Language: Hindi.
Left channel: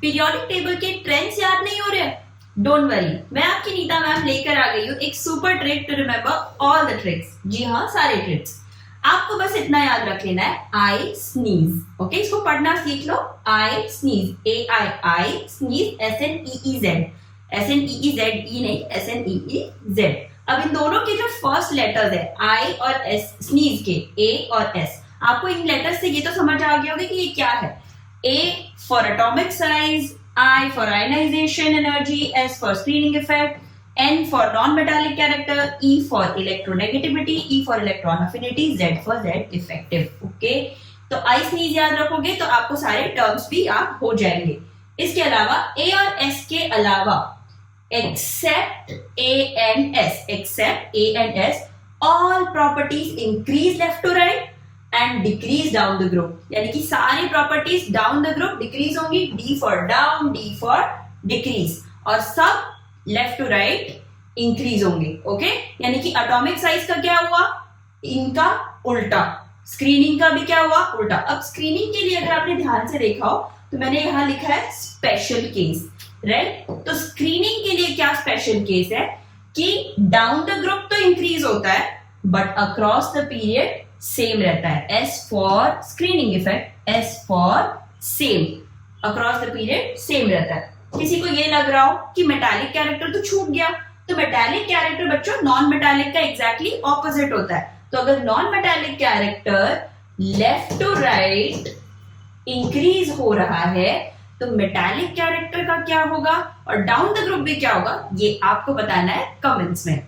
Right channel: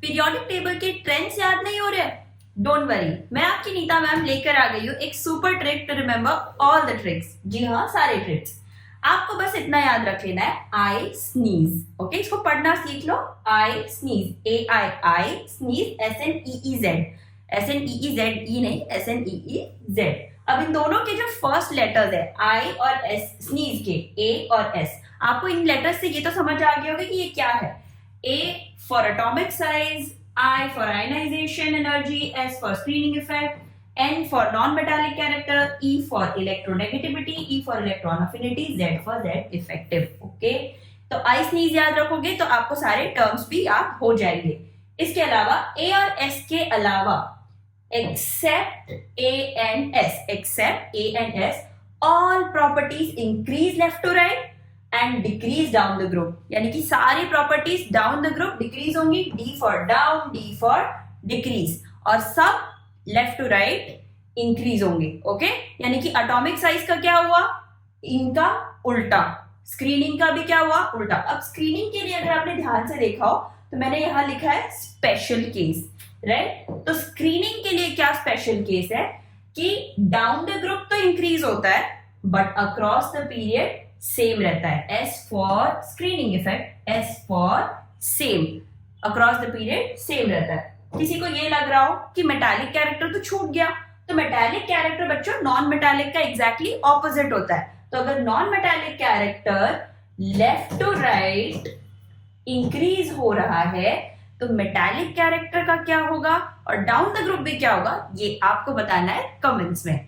पीरियोडिक टेबल के ट्रेंड्स याद नहीं हो रहे? डोंट वरी, मैं आपकी नीता मैम लेकर आ गई हूँ एक super trick to remember all the tricks. जी हाँ, सारे ट्रिक्स। आपको बस इतना याद रख लेना है, आई स्नीज। ओके, इसको पढ़ना सीख लो। आई स्नीज, आई स्नीज, SNEEZ, SNEEZE नहीं, SNEEZ। अब इन दोनों के जो फर्स्ट लेटर्स है आई और एस, स्नीज के ए और एस, आपको इन लेटर्स से ये तो समझ आ गया होगा कि ये क्या है। A for atomic size, I for ionization energy, S for screening effect, N for non-metallic character, E for electronegativity, E for electron affinity, Z for Z effective. Okay? तो I sneeze याद रखोगे तो आपको सारे टर्म्स भी याद हो जाएंगे। इसके अलावा A और S के अलावा except A and S, all properties increase left to right and decrease down the group, यानी कि सारी properties down the group decrease होंगी, D for down, D for decrease, और सब लेफ्ट टू राइट इंक्रीज होंगे। ओके, यानी कि एटॉमिक साइज का क्या हुआ, इनका उल्टा, स्क्रीनिंग का भी क्या हुआ, उल्टा। अब स्क्रीनिंग के लिए अगर आपने ध्यान से देखा हो तो मैंने यहां लिखा है स्पेशल केस, राइट। तो स्क्रीनिंग के लिए क्या स्पेशल केस है कि डाउन द ग्रुप तो इंक्रीज होता है but across the period same रहता है। S for screening effect, S for same, across the period same रहता है। किसी को ये लग रहा हो कि मेटालिक कैरेक्टर तो छूट गया, तो मेटालिक कैरेक्टर बच्चों नॉन मेटालिक का एग्जैक्टली ऑपोजिट होता है। तो अगर non metallic character left to right increase हो रहा है तो मेटालिक कैरेक्टर का क्या होगा और डाउन द ग्रुप भी क्या होगा, ये आपको बताना है कमेंट्स में।